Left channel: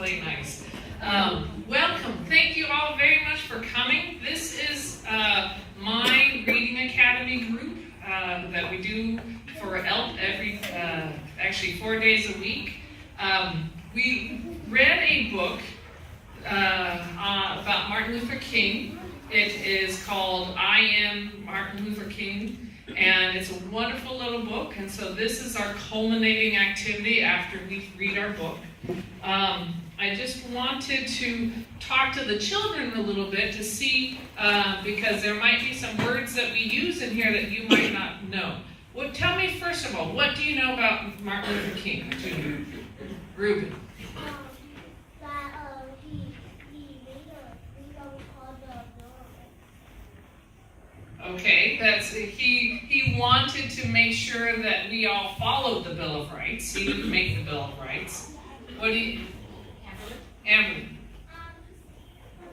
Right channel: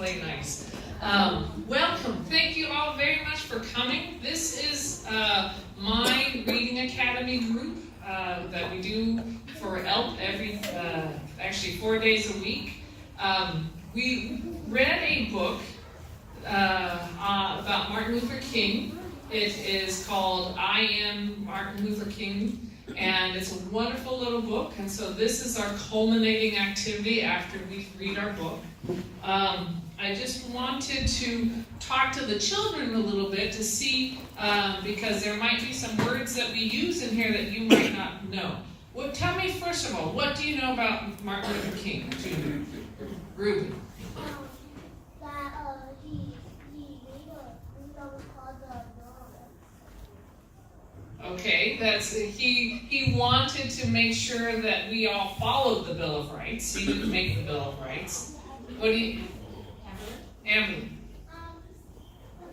play nice. Welcome. Thank you all very much for coming. This is my Reading Academy group that we do for every actually 4 days a week. We read a book about Martin Luther King. It is called I Am Martin Luther King. And it's a wonderful little book, and so this is our culminating activity after we read our book. I just wanted to talk to the children a little bit to see, because there might be some words that we use in here that you might not know. Well, tell me first of all, what do you know about Martin Luther King Jr.? Ruben. That he made a thing that was called the Bill of Rights. Okay, that's he wanted to make sure that we all followed the Bill of Rights. He didn't make the Bill of Rights. What do you? Amber.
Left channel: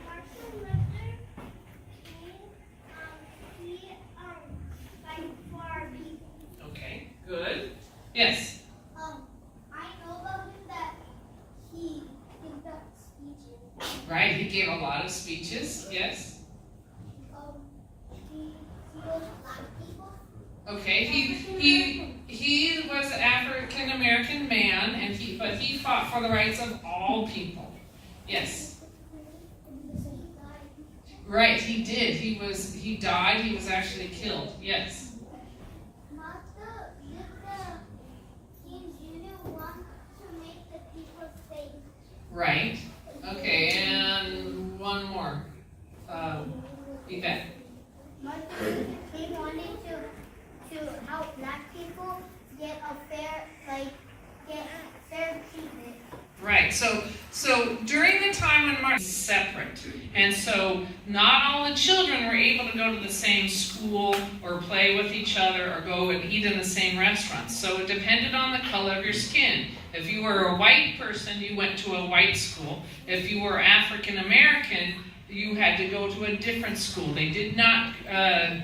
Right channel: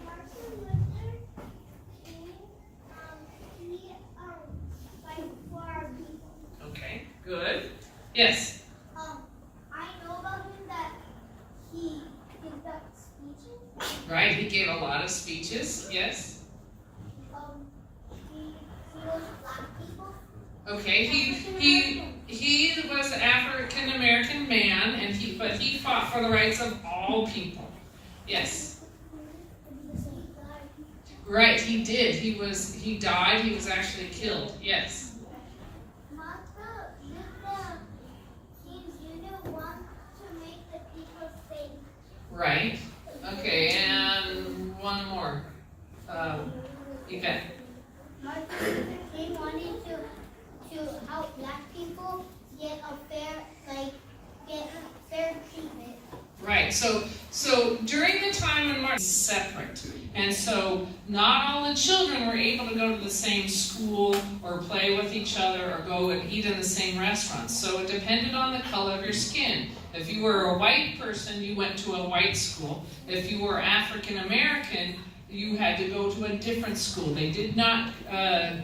Martin Luther King, he fight for our people. Okay, good. Yes. I know about him that he gives out speeches. Right, he gave a lot of speeches. Yes. He was black people. Okay, he was an African American man, and but he fought for the rights of all people. Yes. Right, he did. He died. He was actually killed. Yes. Martha, did the King Jr. want to make the people safe? Right. Okay, and one more. Yvette. Martin Luther King wanted to help black people get fair treatment. Right. So during the time when Martin was separate, and so not all the children were able to go to the same school or play with each other or go and eat in the same restaurants. So it depended on the color of your skin. If you were a white person, you went to a white school. If you were African American, you had to go to a different school. They did not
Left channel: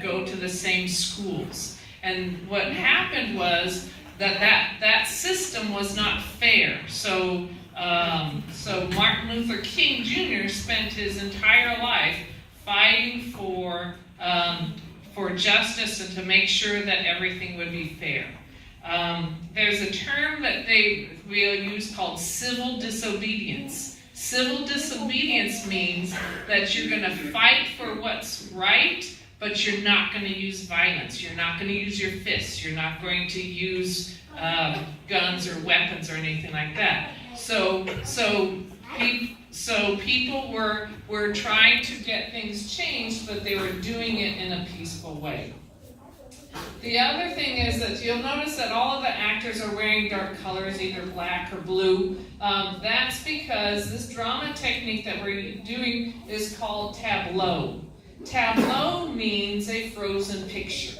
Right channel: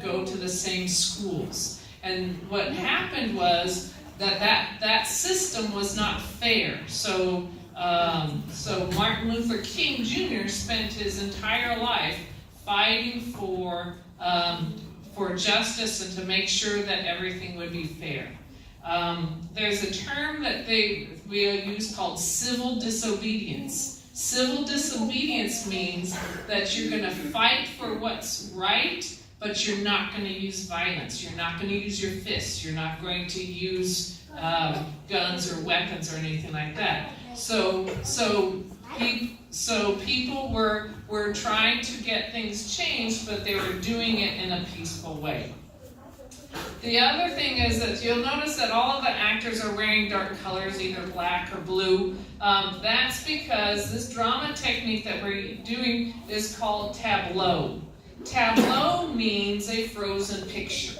go to the same schools. And what happened was that system was not fair. So Martin Luther King Jr. spent his entire life fighting for justice and to make sure that everything would be fair. There's a term that we'll use called civil disobedience. Civil disobedience means that you're going to fight for what's right, but you're not going to use violence. You're not going to use your fists. You're not going to use guns or weapons or anything like that. So people were trying to get things changed, but they were doing it in a peaceful way. The other thing is that you'll notice that all of the actors are wearing dark colors, either black or blue. That's because this drama technique that we're doing is called tableau. Tableau means a frozen picture.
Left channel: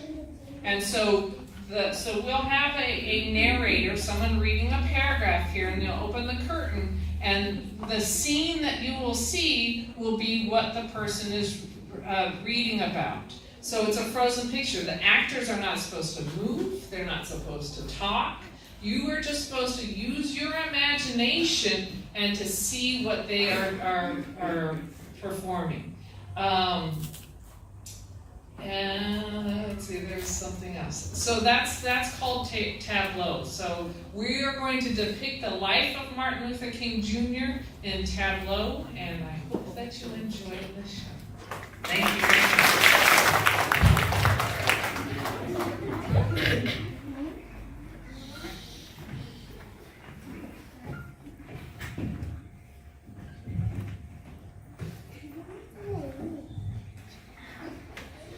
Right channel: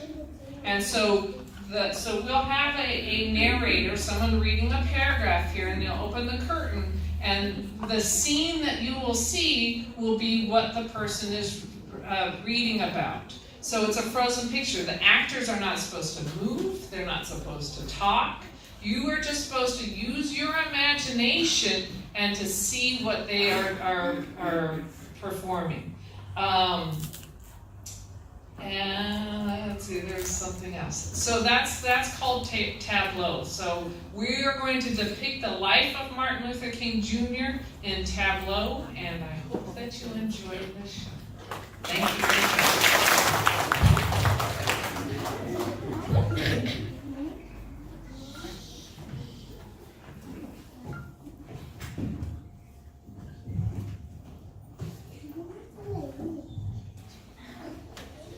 And so we'll have a narrator, someone reading a paragraph here, and you'll open the curtain, and the scene that you will see will be what the person is reading about. So it's a frozen picture. The actors are not supposed to move. They're not supposed to talk. You are just supposed to use your imagination and to see what they are performing. And let's see, there's something else. So that's called tableau. So we are going to depict the life of Martin Luther King Jr. in tableau, and I hope that you enjoy the show. Thank you very much.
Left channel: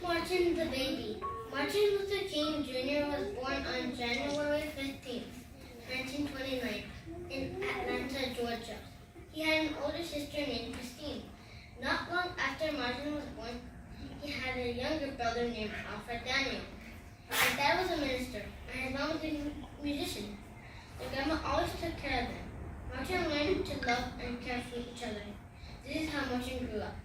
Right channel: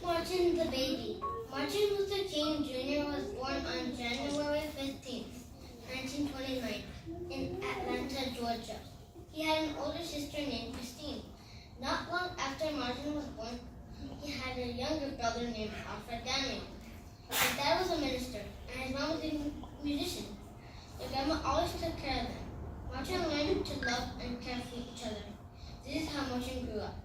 Martin the baby. Martin Luther King Jr. was born on January 15th, 1929, in Atlanta, Georgia. He had an older sister named Christine. Not long after Martin was born, he had a younger brother named Alfred Daniel. His dad was a minister, and his mom was a musician. Their grandma always took care of them. Martin learned to love and care for each other. This is how Martin grew up.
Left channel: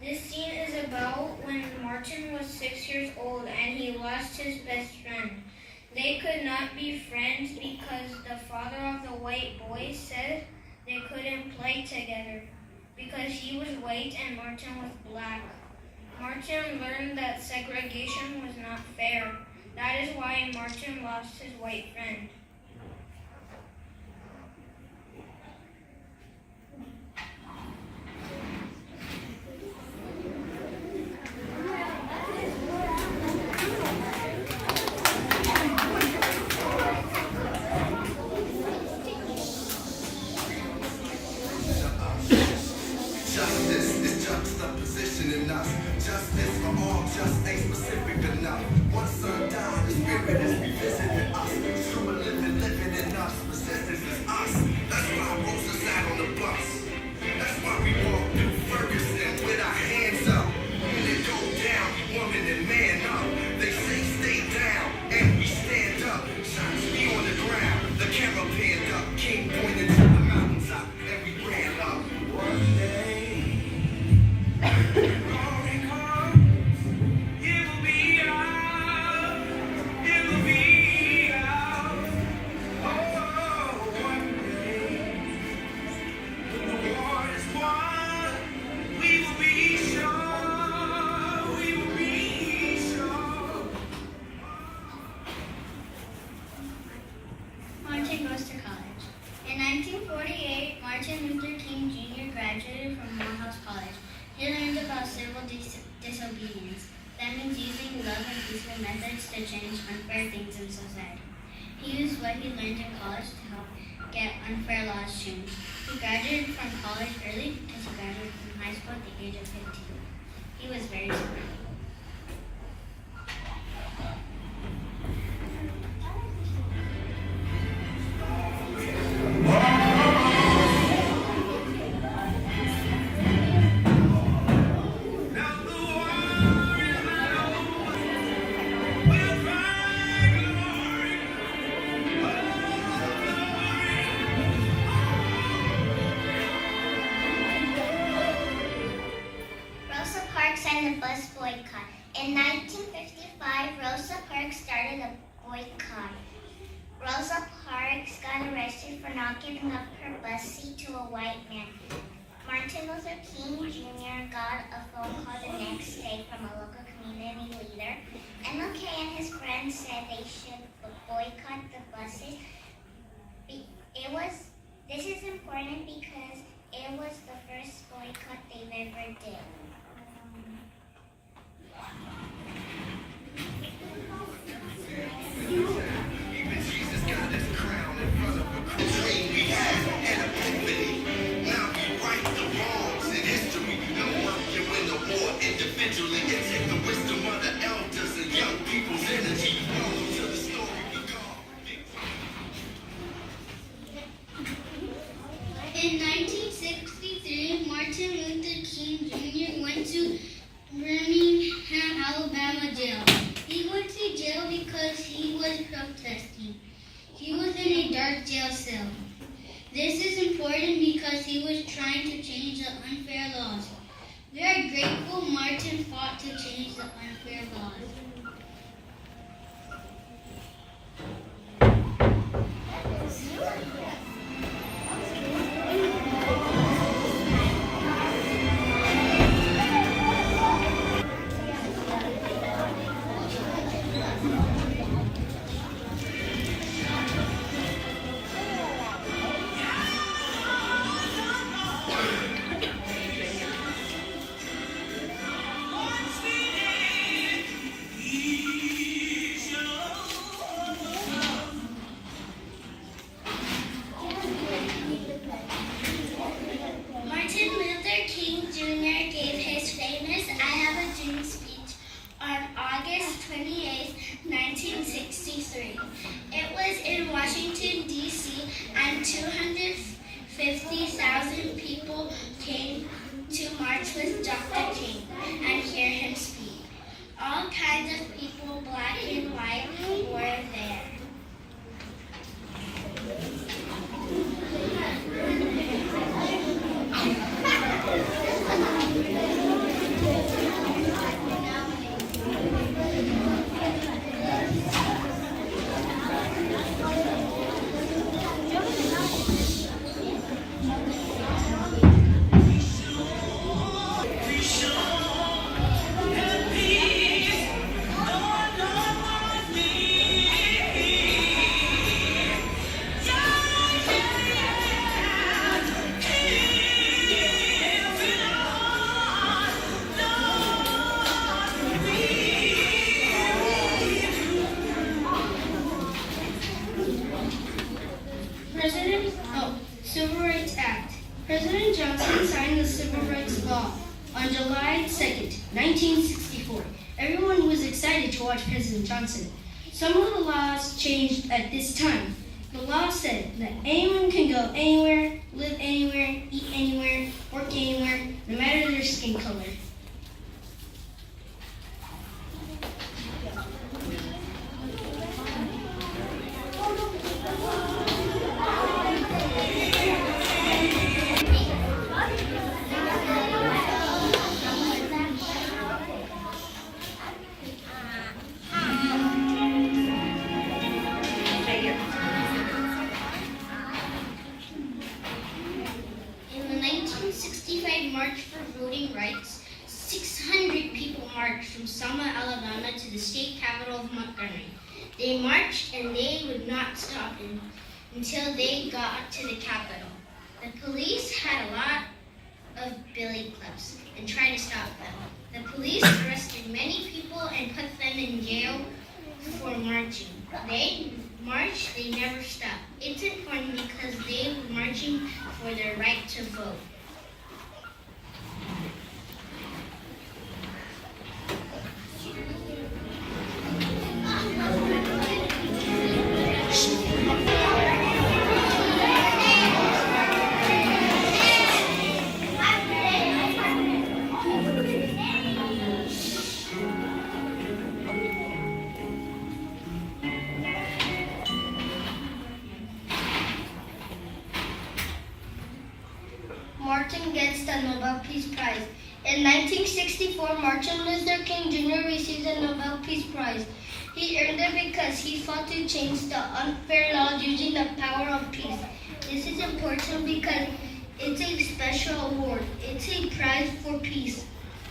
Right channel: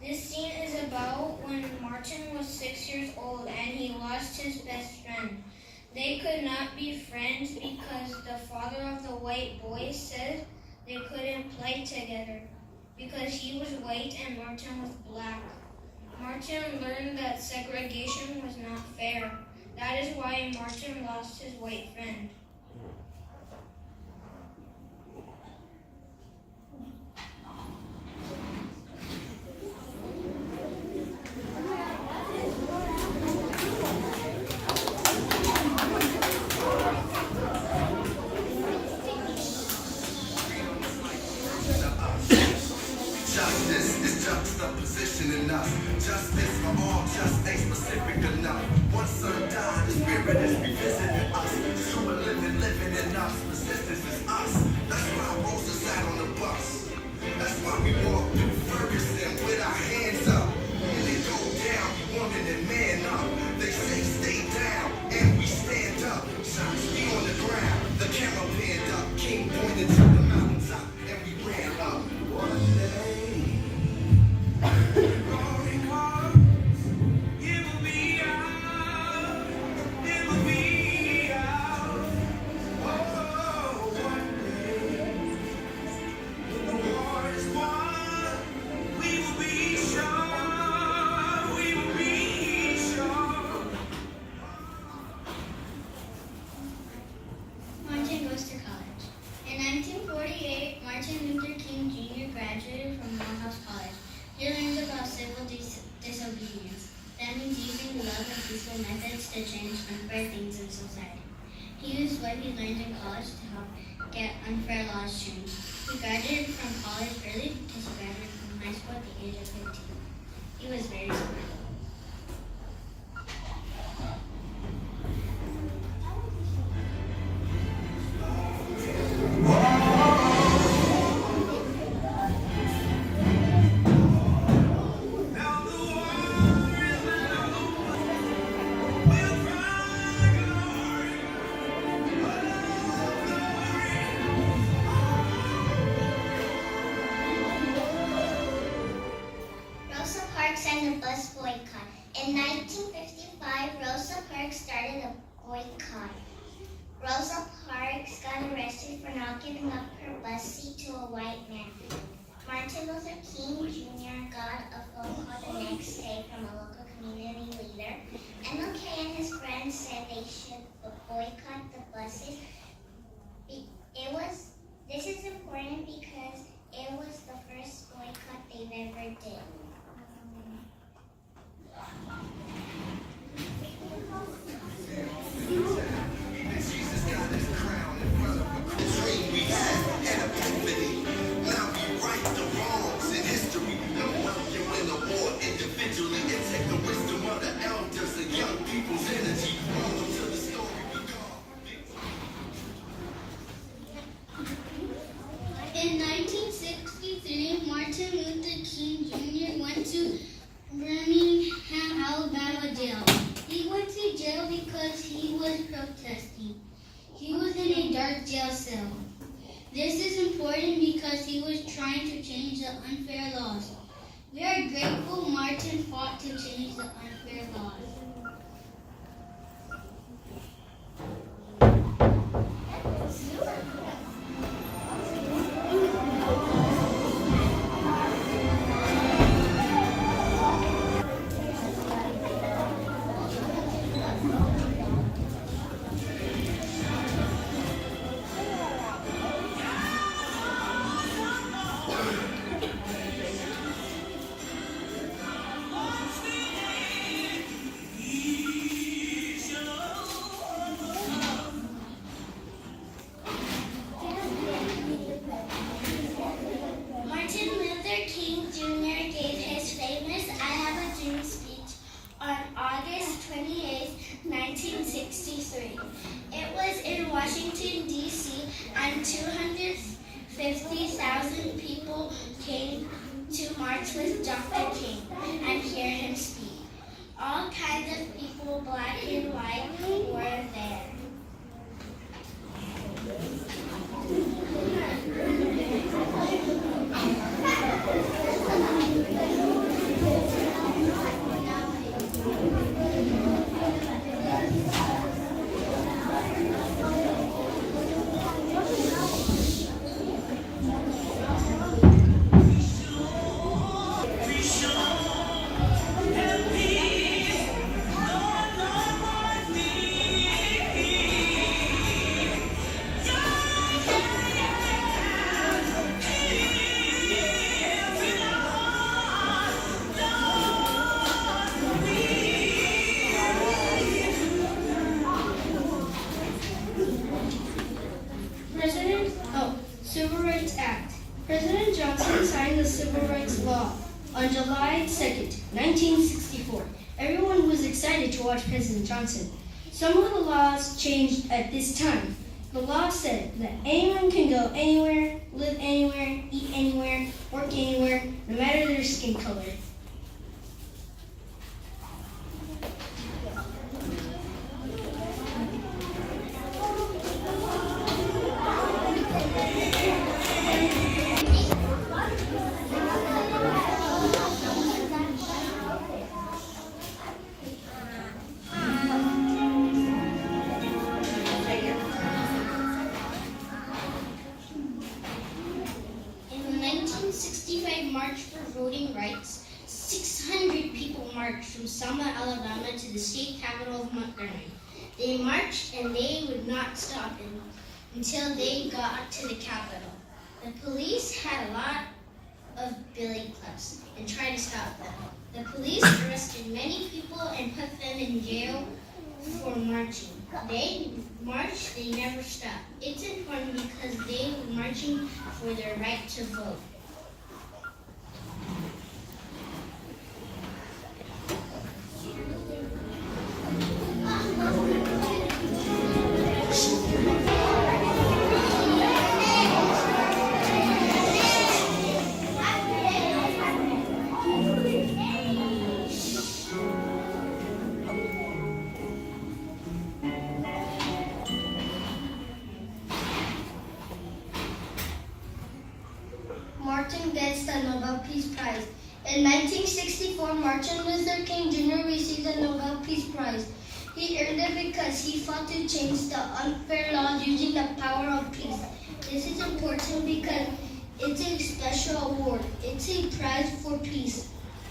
This scene is about when Martin was 6 years old and he lost his best friend. They could not be friends because the father of the white boy said they couldn't play together because he was white and Martin was black. Martin learned that segregation was not fair. That is why Martin lost his white friend. Justice is juxtaposition in us. Justice for all just ain't specific enough. One son died, his spirit is revisiting us. Super living in us. Resistance is us. That's why Rosa sat on the bus. That's why we walk through Ferguson with our hands up. When it go down, woman and man up. They say stay down, and we stand up. Shots be on the ground. The camera panned up. King pointed to the mountaintop, and we ran up. One day. Martin goes to college. In 1948, Martin Luther King Jr. graduated from Morehouse College. He learned about civil disobedience. That means using love and peaceful methods to change unfair things in society. He used what he learned in college to help get unfair laws changed. He graduated from college early because he graduated from high school at the age of 15. He was very smart. Rosa Parks and the bus boycott. In 1955, Rosa Parks started a boycott. Rosa Parks got arrested for not giving up her bus seat to a white man. Martin Luther King Jr. got a phone call the next day from a local community leader. MLK and his friends said they should boycott the buses. This is important because it was the first boycott they've ever did. Even Jesus got his crown in front of a dream we had and a epiphany. Now we right the wrongs in history. No one can win a war individually. It takes the wisdom of the elders and young people's energy. Welcome to the story we call In 1963, Martin Luther King Jr. went to Birmingham, Alabama jail. He went to jail because he was protesting. He was in a dark jail cell. This is important because he was trying to change the unfair laws. We are grateful Martin fought to change the unfair laws. Martin Luther King Jr. gave his famous I Have a Dream speech on August 28, 1963. It was in Washington, D.C., and 250,000 people came to march with Dr. King and hear him speak. All kinds of people, black and white, were there. law. On July 2nd, 1964, everyone was excited to watch President Johnson. Some of the laws changed at this time. The law said that anyone can go anywhere, live anywhere, eat anywhere, work anywhere, no matter their skin color. March for voting rights, 600 people marched from Selma, Alabama to the state capital of Montgomery. They marched and they would not stop until they got to the Capitol. The police had a lot of billy clubs and tried to stop them. The police arrested many people and put them in jail for marching. They marched, they never stopped. It's important because they were marching for their right to vote. Martin gets the Nobel Peace Prize. In 1964, Martin Luther King Jr. received the Nobel Peace Prize. He earned it because he fought to change the unfair laws using the power of peace. This is important because it's a special award. It's a prize for peace.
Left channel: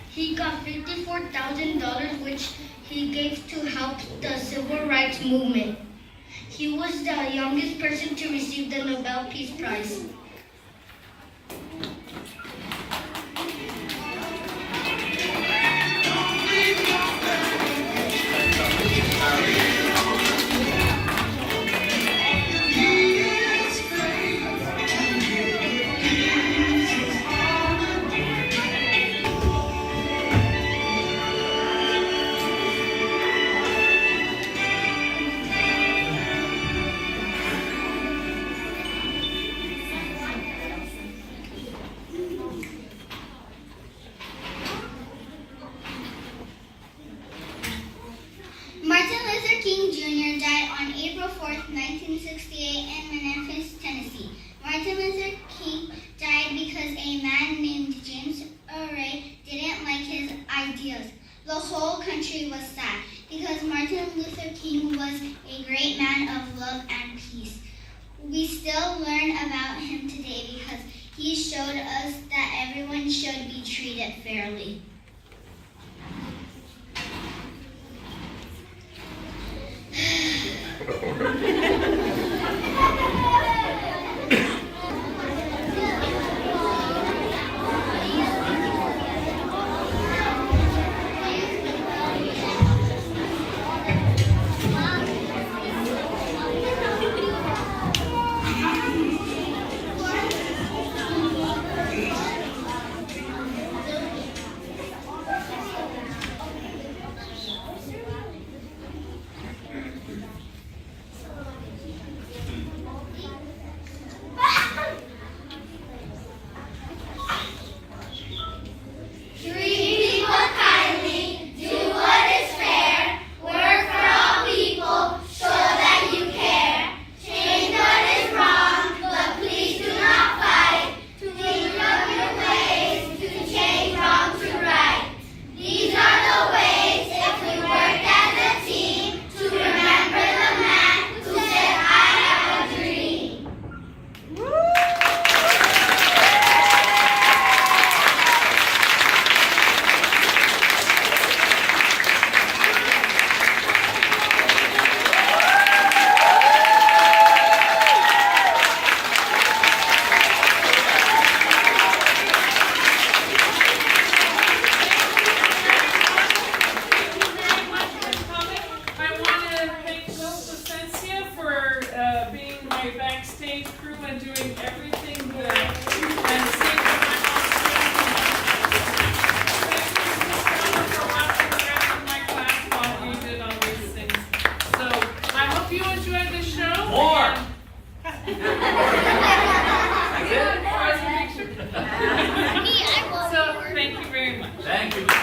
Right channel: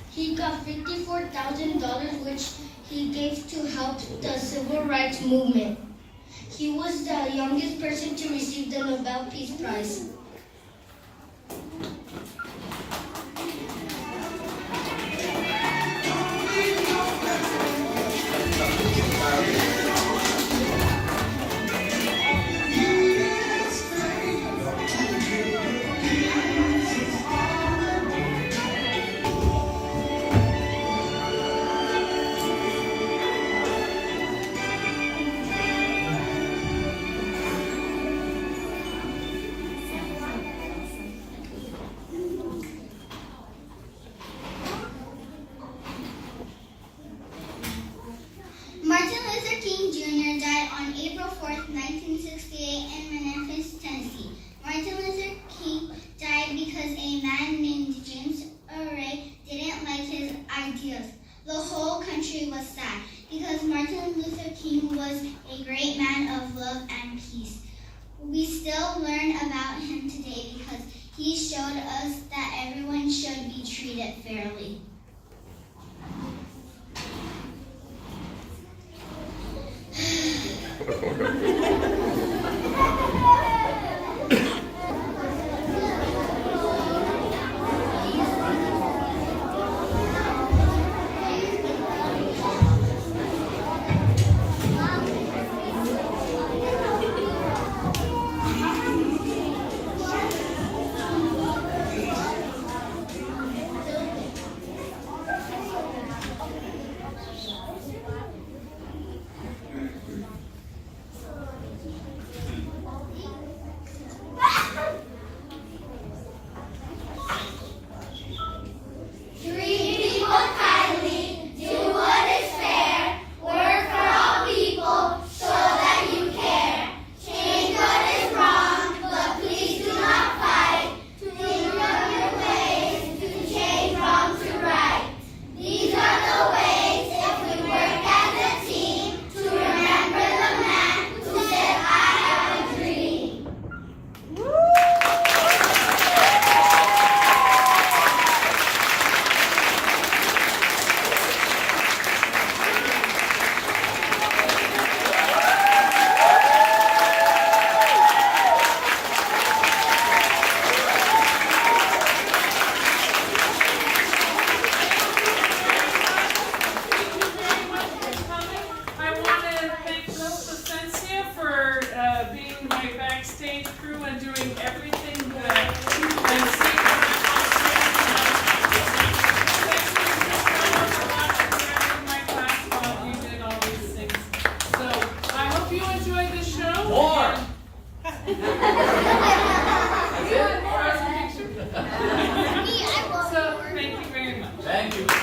He got $54,000, which he gave to help the civil rights movement. He was the youngest person to receive the Nobel Peace Prize. Martin Luther King Jr. died on April 4th, 1968 in Memphis, Tennessee. Martin Luther King died because a man named James Array didn't like his ideas. The whole country was sad because Martin Luther King was a great man of love and peace. We still learn about him today because he showed us that everyone should be treated fairly. Thank you.